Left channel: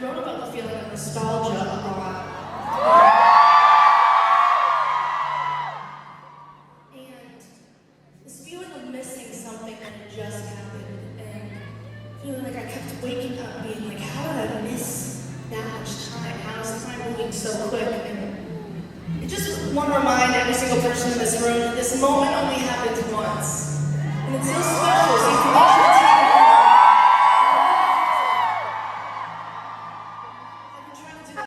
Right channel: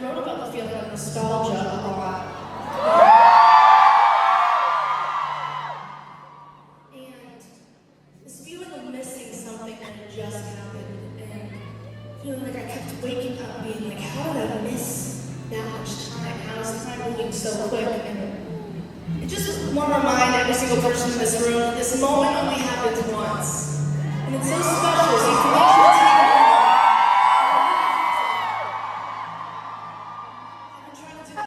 wrote about the feeling of nostalgia a lot. And this feeling of missing something that had just happened, and feeling like I kept waking up being like, how did I miss that much time? How is time moving so quick? And it just want to remind every single person in this room that this moment only happens once. And it's so special. These connections